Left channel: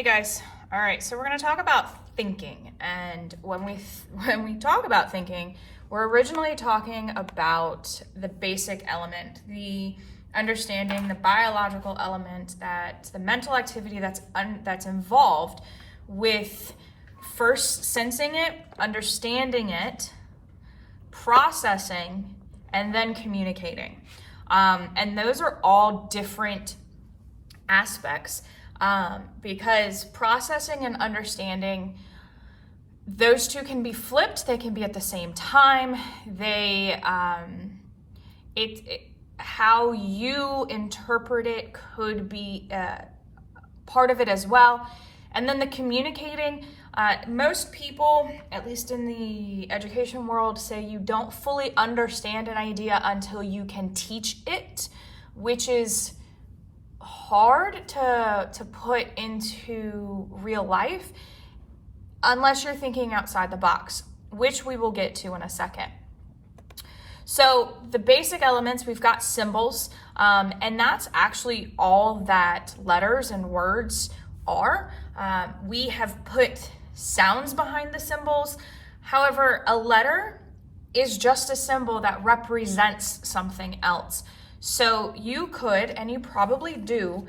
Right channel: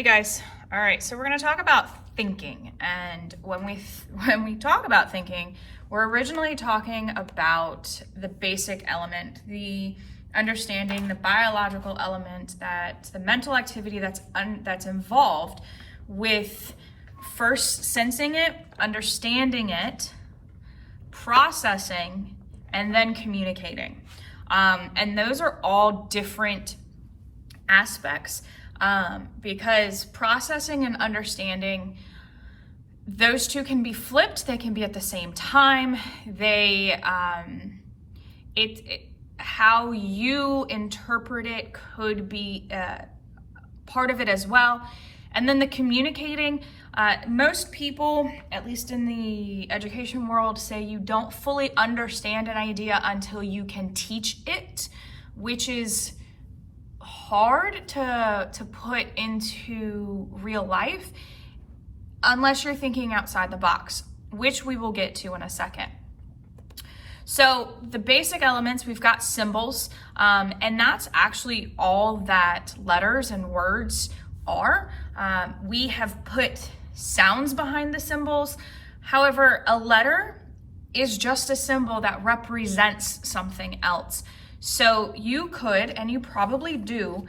Hey guys. All right, so we're going to talk about thinking. And when we talk about thinking, we're originally talking about the basic element, the understanding, the biological element, that the mental activity that's involved with first sensing it, understanding it, processing, and then communicating. And those are all different aspects. Because processing and understanding, those two can be flipped. They can be at the same time. How you interpret it could be part of it as well. And then the communicating, most people, at least in the education world, say you don't fully understand an idea until you can teach it, which is hard to put into real life unless you're thinking outside the box, which we will get to in a second. So the basic elements, we've got symbols, and that's actually all that letters and words are. We have put sounds behind the symbols. However, a letter is just a symbol that represents something else. So you could, and you probably do,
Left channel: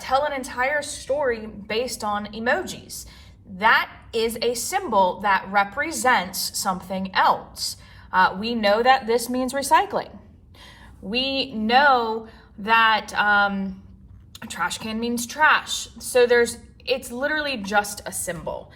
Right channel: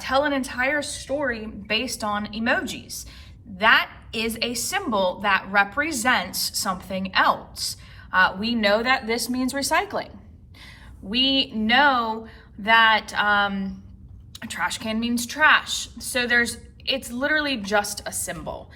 tell an entire story based on emojis. That is a symbol that represents something else. We know that this means recycling. We know that a trash can means trash. So it's literally just a symbol.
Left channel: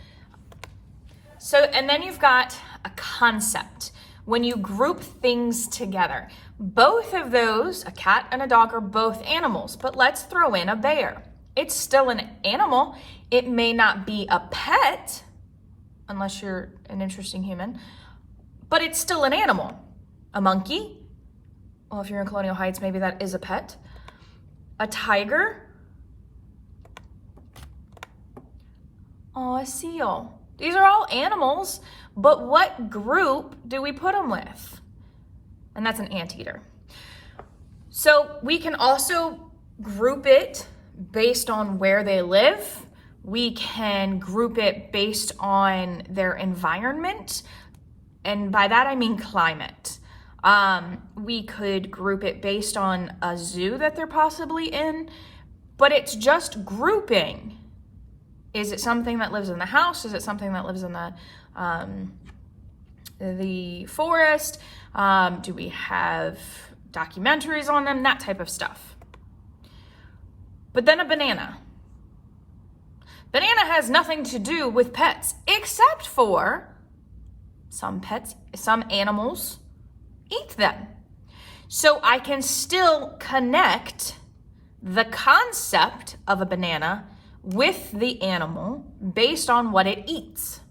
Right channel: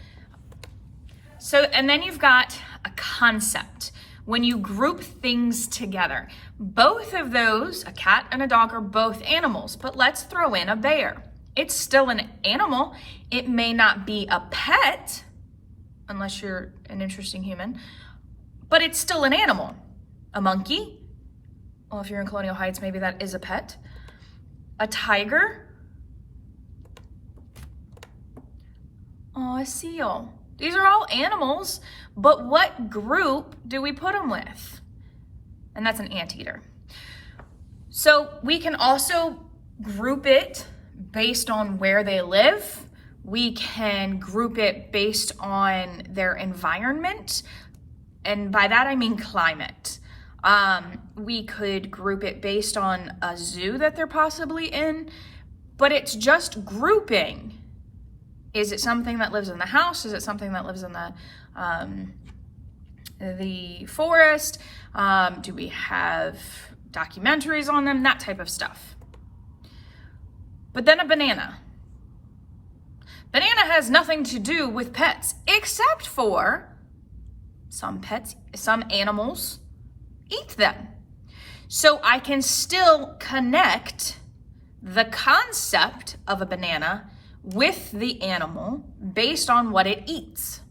So, and then you've got a concept. When you group things together, both of those, a cat and a dog, are both animals, but let's throw in a bear. It's still an animal. It may not be a pet, unless you're an interesting human, but it's still an animal. A monkey, well, if you're in Colonial Heights, maybe that is a pet. A tiger. Oh, a seal. These are all animals, but what group do we put them with? And that's an anteater. So we can also group it based on where they live. We can group it based on their environment. And by that, I mean climate. We could group it based on a zoo that they're possibly in, but it's just grouping. Is it something that lives in the house? Is it something that lives in the forest? Do we have documentaries on them? That type of stuff. But then a banana. Banana has nothing to do with pets, except for some animals eat them. So I can still connect the concept of a banana with the animal based on what it eats.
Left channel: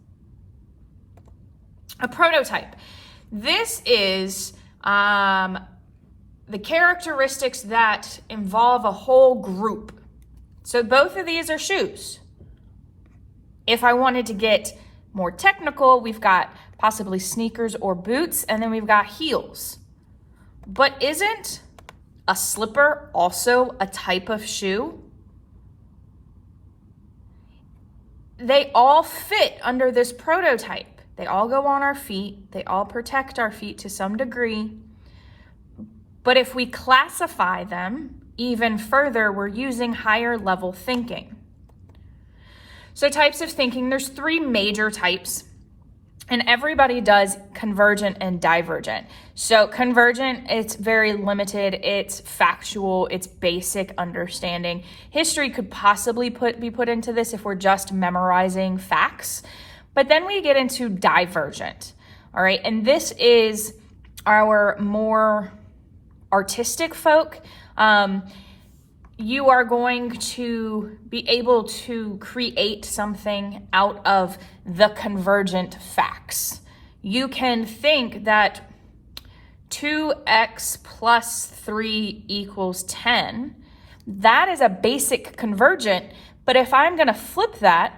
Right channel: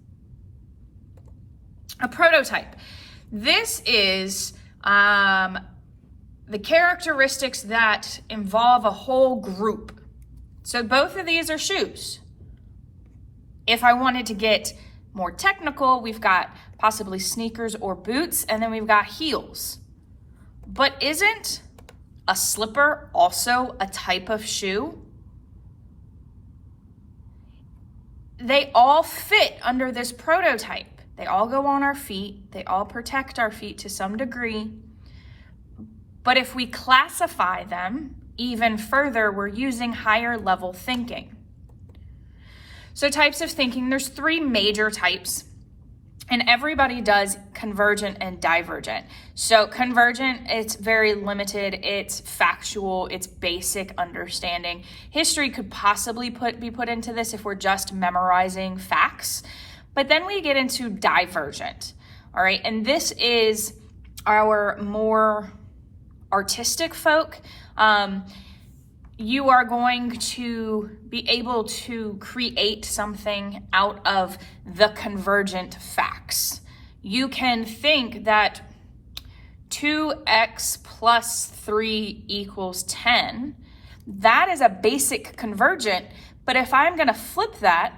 A prototype. This is the characteristics that involve a whole group. So both of these are shoes. If I wanted to get more technical, we've got possibly sneakers or boots, and then we've got heels. But isn't a slipper also a type of shoe? They all fit under this prototype. They all go on our feet. They all protect our feet to some degree. But if we classify them even further, we're using higher level thinking. So types of thinking, there's 3 major types, and everybody does convergent and divergent. So convergent, it's very limited, it's factual, it's basic understanding. History could possibly be put into this if we're just memorizing facts. But then we get into divergent, all right? And this is our more artistic folk. You are going to be able to create something out of the convergent facts. You can think that 2x plus 3 equals 10. That is a basic convergent, but if I'm gonna flip that,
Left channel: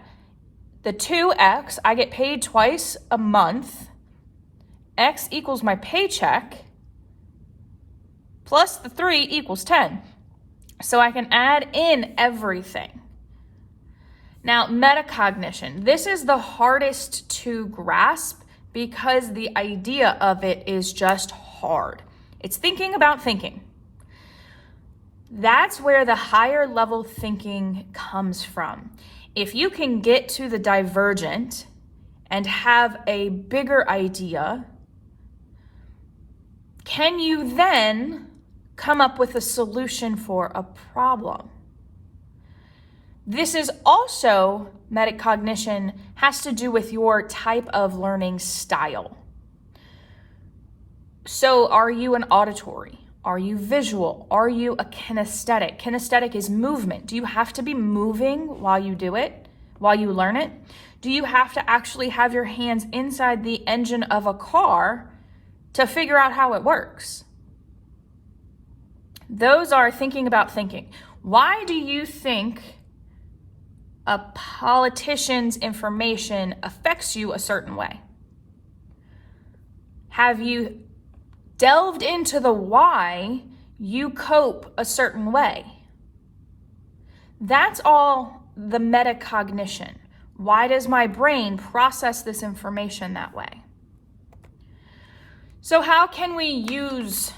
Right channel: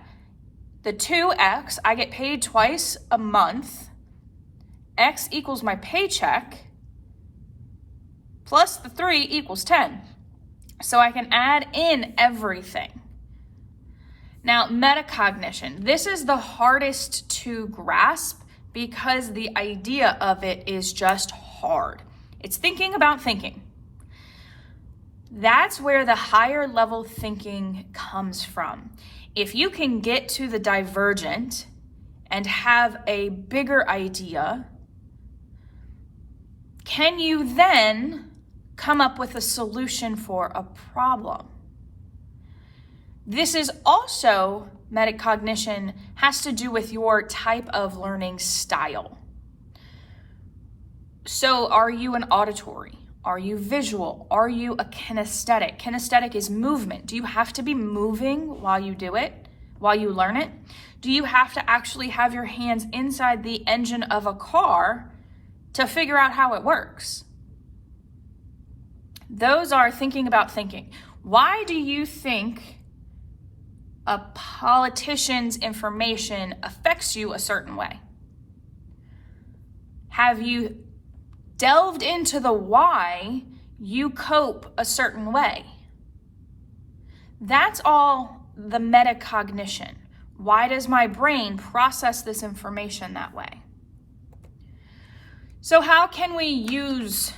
the 2x, I get paid twice a month, x equals my paycheck, plus the 3 equals 10. So I can add in everything. Now, metacognition. This is the hardest to grasp because the idea of it is just hard. It's thinking about thinking. That's where the higher level thinking comes from. If you can get to the divergent and have a bigger idea, can you then come up with a solution for a problem? This is also, metacognition has to do with your type of learning style. So are you an auditory? Are you visual? Are you a kinesthetic? Kinesthetic is movement. Do you have to be moving while you do it, while you learn it? Do you have to actually have your hands inside the engine of a car to figure out how it works? Those are thinking about thinking. Why do you think a politician's information affects you a certain way? Have you delved into the why you cope a certain way? That's all the metacognition. Why does my brain process this information that way? So how can we use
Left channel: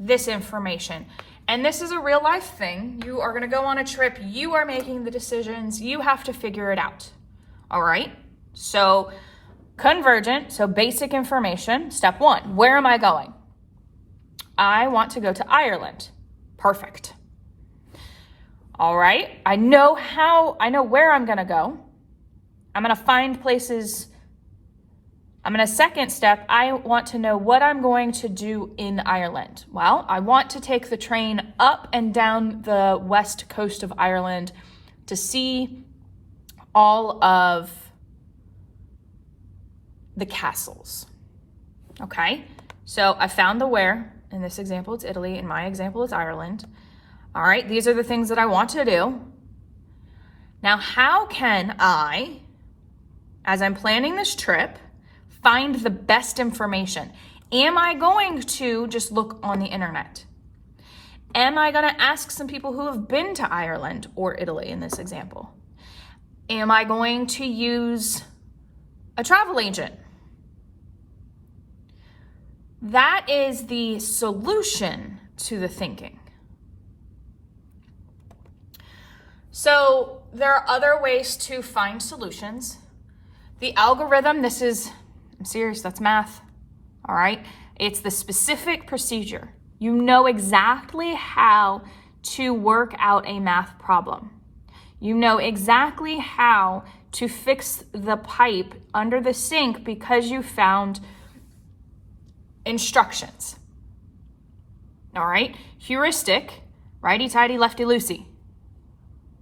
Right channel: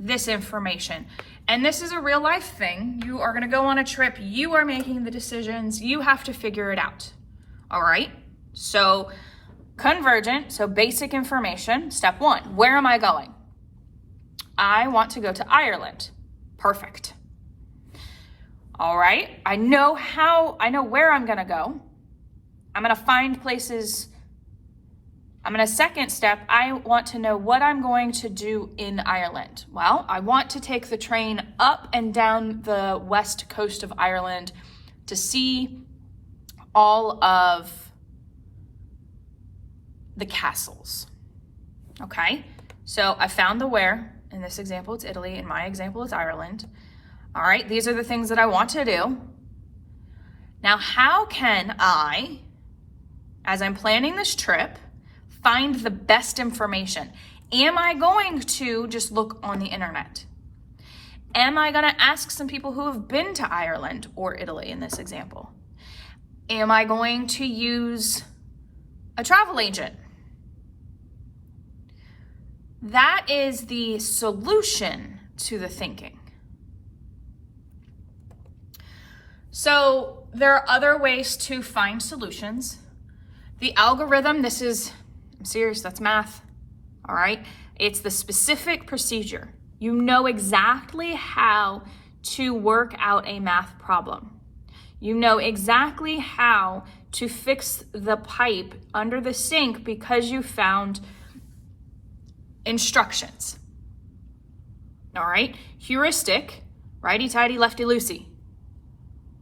this information? And this is a real life thing. You are gonna go on a trip, you are making the decisions, you have to figure it out. All right? So convergent, so basic information. Step one, where am I going? I want to go to Ireland. Perfect. All right, I know where I'm gonna go. I'm gonna find places. Second step, I want to know what I'm going to do in Ireland. Well, I want to take the train up and down the west coast of Ireland to see all of the castles. Okay, so I found the where. In this example, it's Italy. In my example, it's Ireland. All right, these are the things that I want to do. Now, how can I, as I'm planning this trip, find the best information? Am I going to just look on the internet? Am I going to ask some people who have been to Ireland or Italy in this example? Am I going to use a travel agent? That is the solution to the thinking. So there are other ways to find solutions. The algorithm, I'm serious, that's math, all right? It's the specific procedure. You know exactly how to work out a math problem. You know exactly how to fix the pipe under the sink because you found instructions, all right? Heuristic, righty-tighty, lefty-loosey.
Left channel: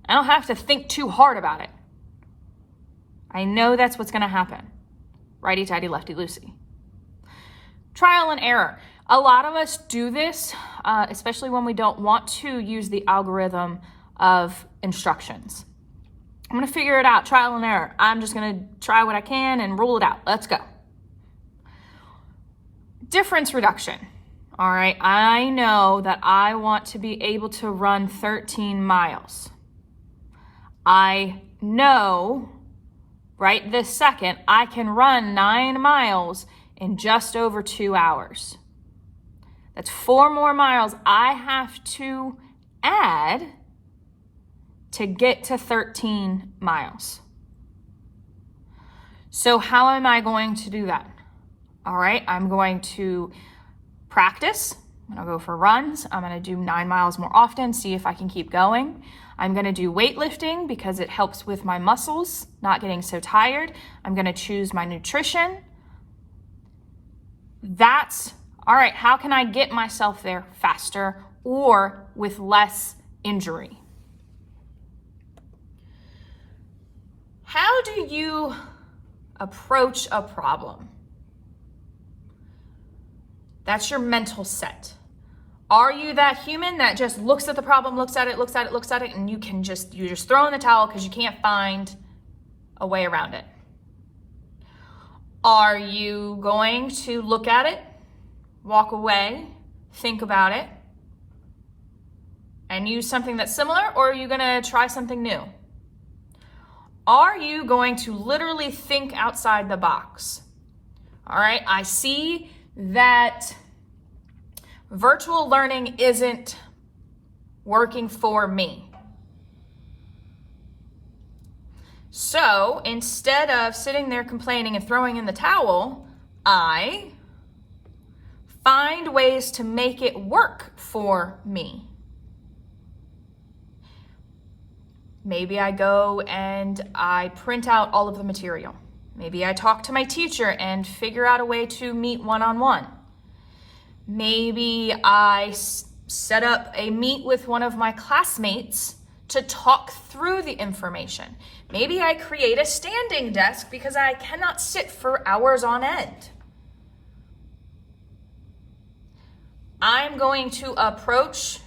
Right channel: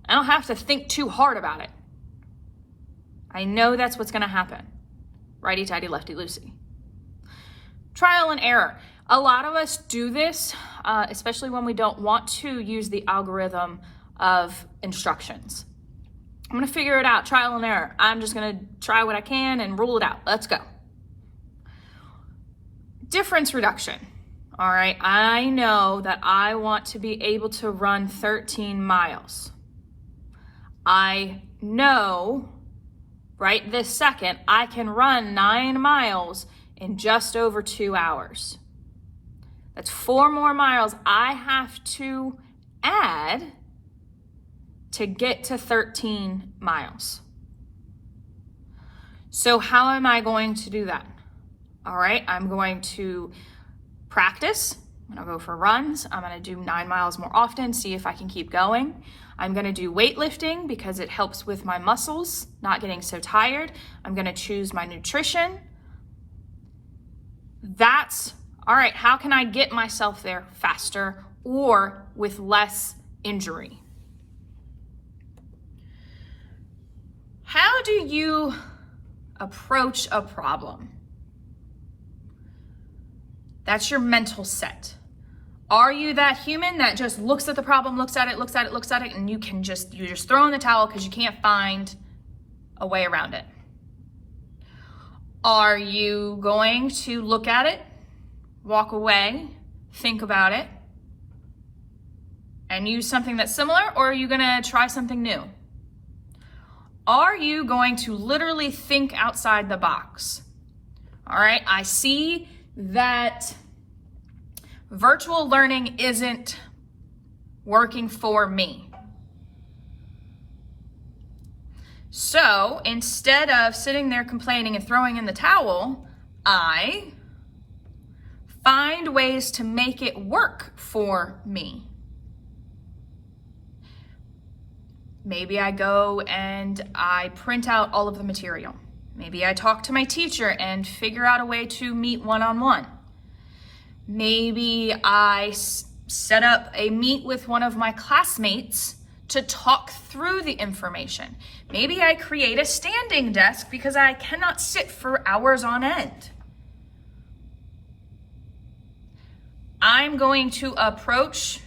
I don't have to think too hard about it. I know that's what's gonna happen. Righty-tighty, lefty-loosey. Trial and error. A lot of us do this, especially when we don't want to use the algorithm of instructions. I'm gonna figure it out, trial and error. I'm just gonna try what I can and rule it out. Let's go. Difference reduction. All right, I know that I want to be able to run 13 miles. I know right this second I can run 9 miles in just over 2 hours. That's 4 more miles I have to add to get to 13 miles. So how am I going to do that? All right, I'm going to practice. I'm gonna go for runs. I'm gonna do 9 miles more often, see if I can keep going. I'm gonna do weightlifting because it helps with my muscles, not getting so tired. I'm gonna choose my nutrition. All right, how can I get myself there faster or with less injury? How do you approach a problem? That's your mental set. Are you that human that just looks at the problem, looks at it, and you just throw in the towel because you can't find a way around it? Are you going to look at it, walk away, think about it, and use something that's similar, or are you gonna try something new? Are you going to literally think outside the box? All right, I see that virtual learning isn't working for me. So instead of sitting there complaining and throwing in the towel, I find ways to make it work for me. Maybe I go and I print out all of the material. Maybe I talk to my teacher and figure out a way to meet one-on-one. Maybe I set up a meet with one of my classmates to talk through the information. Maybe I create a standing desk because I cannot sit for hours on end. I'm going to approach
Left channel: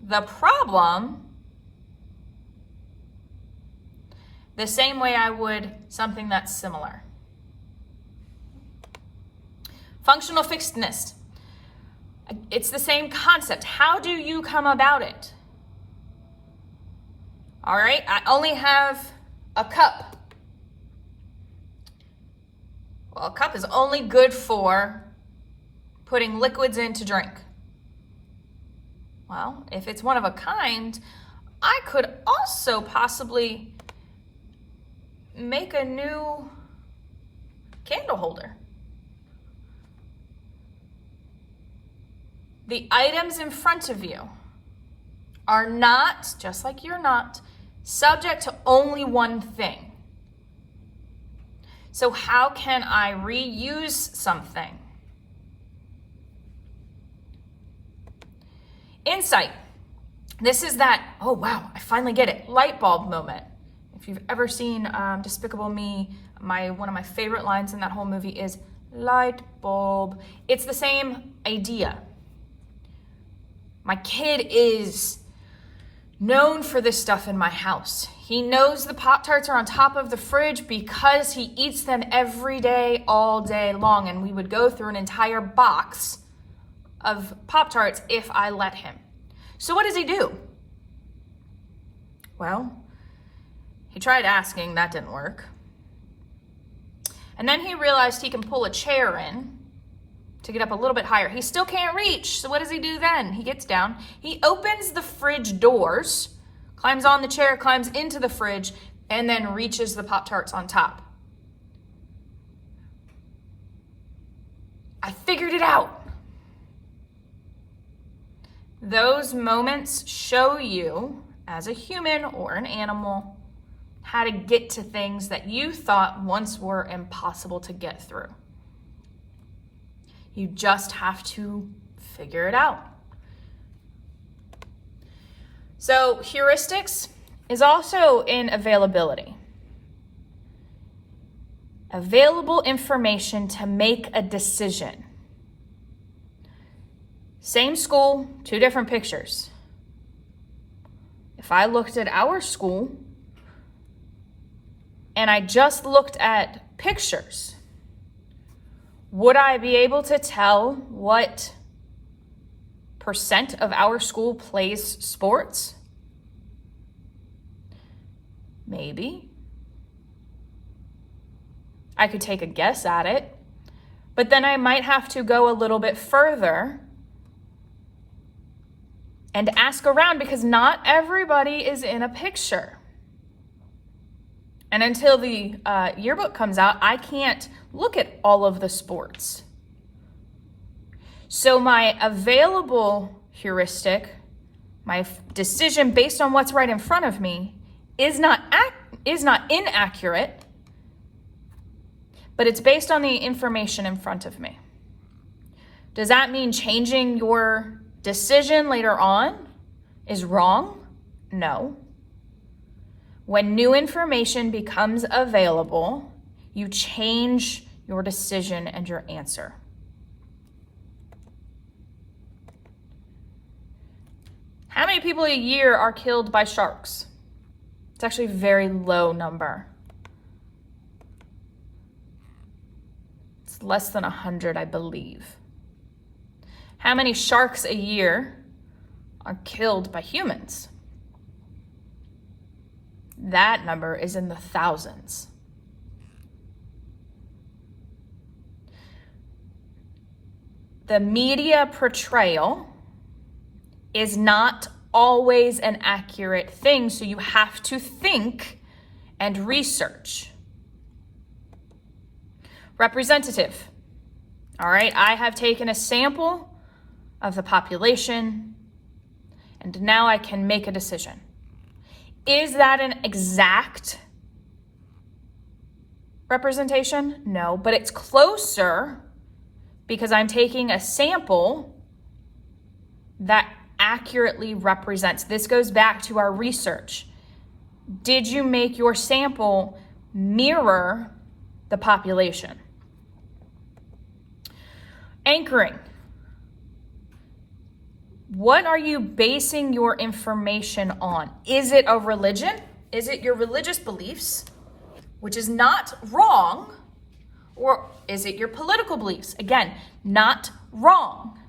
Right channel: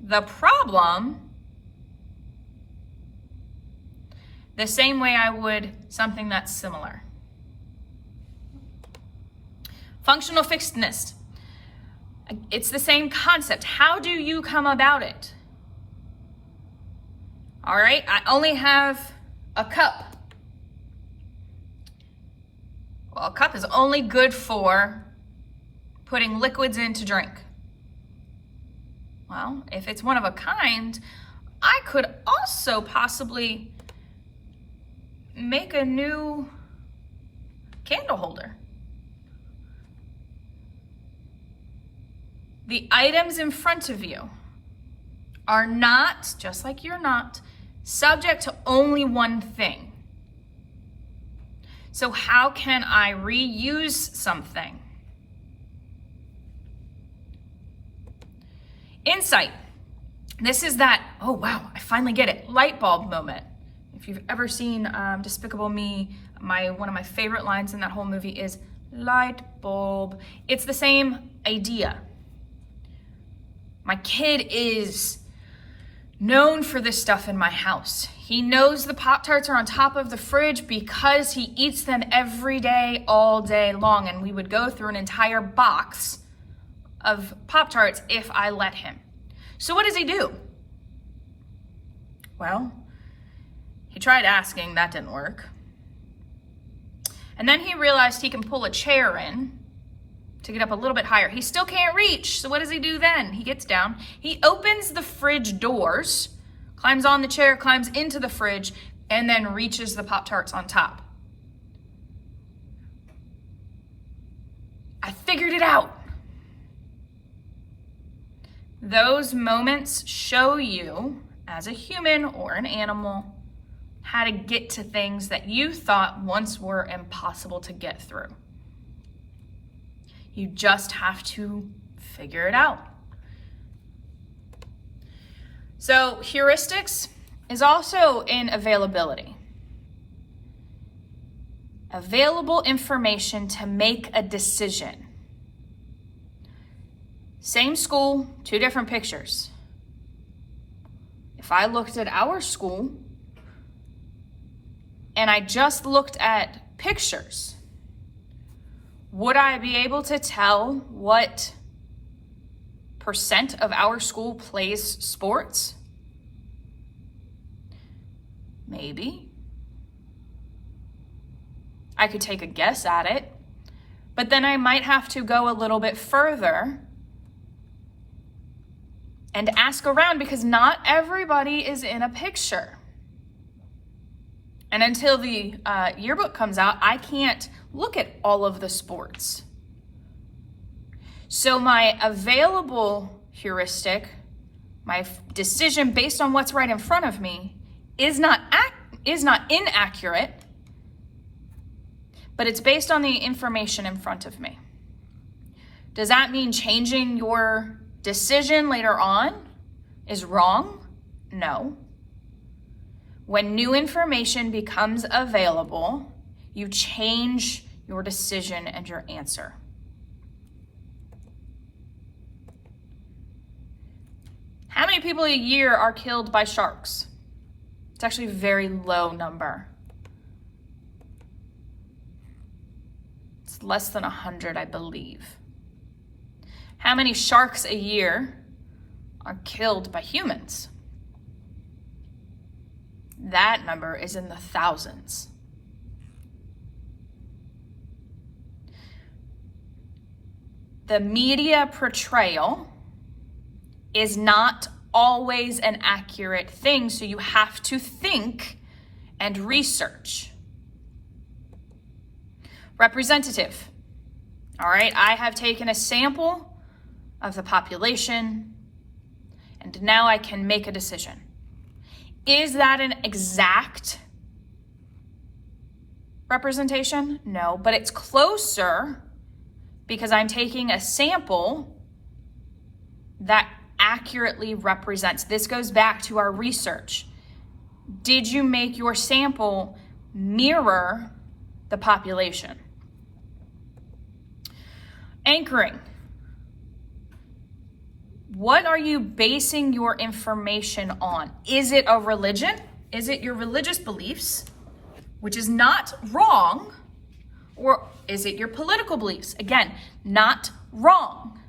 the problem the same way I would something that's similar. Functional fixedness. It's the same concept. How do you come about it? All right, I only have a cup. Well, a cup is only good for putting liquids in to drink. Well, if it's one of a kind, I could also possibly make a new candle holder. The items in front of you are not, just like you're not, subject to only one thing. So how can I reuse something? Insight. This is that, oh wow, I finally get it, light bulb moment. If you've ever seen Despicable Me, one of my favorite lines in that whole movie is light bulb. It's the same idea. My kid is known for this stuff in my house. He knows the Pop-Tarts are on top of the fridge because he eats them every day, all day long. And we would go through an entire box of Pop-Tarts if I let him. So what does he do? Well, he tried asking, that didn't work. And then he realized he can pull a chair in to get up a little bit higher. He still can't reach, so what does he do then? He gets down, he opens the fridge doors, climbs on the chair, climbs into the fridge, and then reaches the Pop-Tarts on top. I figured it out. Those moments show you, as a human or an animal, how to get to things that you thought once were impossible to get through. You just have to figure it out. So heuristics is also in availability. Available information to make a decision. Same school, two different pictures. If I looked at our school and I just looked at pictures, would I be able to tell what % of our school plays sports? Maybe. I could take a guess at it, but then I might have to go a little bit further and ask around because not everybody is in a picture. And until the yearbook comes out, I can't look at all of the sports. So my available heuristic, my decision based on what's right in front of me, is not inaccurate, but it's based on the information in front of me. Does that mean changing your decision later on is wrong? No. When new information becomes available, you change your decision and your answer. How many people a year are killed by sharks? It's actually a very low number. It's less than 100, I believe. How many sharks a year are killed by humans? that number is in the thousands. The media portrayal is not always an accurate thing, so you have to think and research. Representative. All right, I have taken a sample of the population, and now I can make a decision. Is that an exact representation? No, but it's closer because I'm taking a sample that accurately represents. This goes back to our research. Did you make your sample mirror the population? Anchoring. What are you basing your information on? Is it a religion? Is it your religious beliefs, which is not wrong? Or is it your political beliefs? Again, not wrong.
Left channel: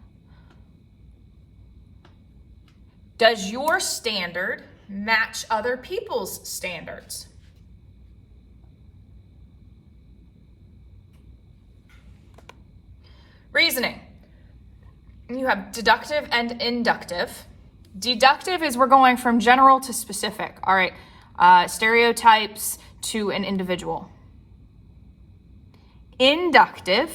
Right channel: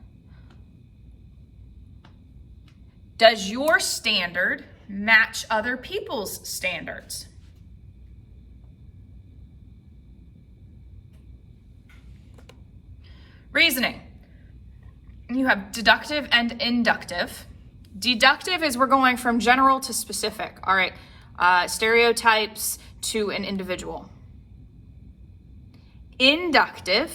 Does your standard match other people's standards? Reasoning. You have deductive and inductive. Deductive is we're going from general to specific. All right, stereotypes to an individual. Inductive,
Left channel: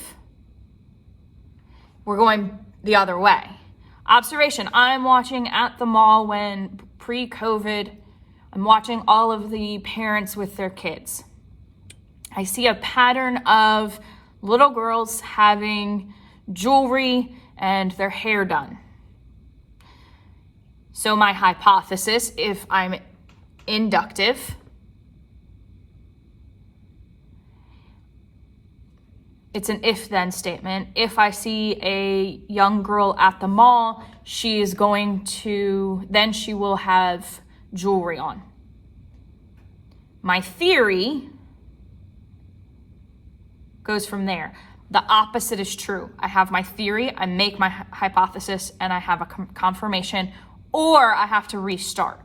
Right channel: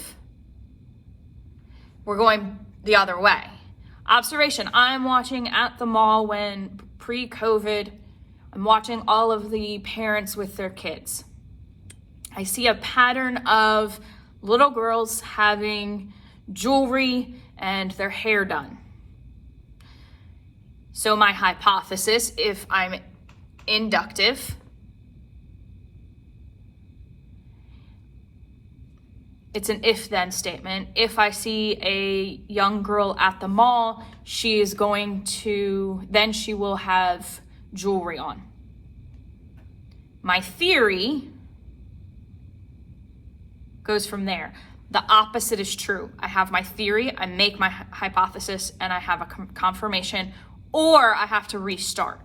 we're going the other way. Observation, I'm watching at the mall when pre-COVID, I'm watching all of the parents with their kids. I see a pattern of little girls having jewelry and their hair done. So my hypothesis, if I'm inductive, it's an if-then statement. If I see a young girl at the mall, she will have jewelry on. My theory goes from there. The opposite is true. I have my theory, I make my hypothesis, and I have a confirmation, or I have to restart.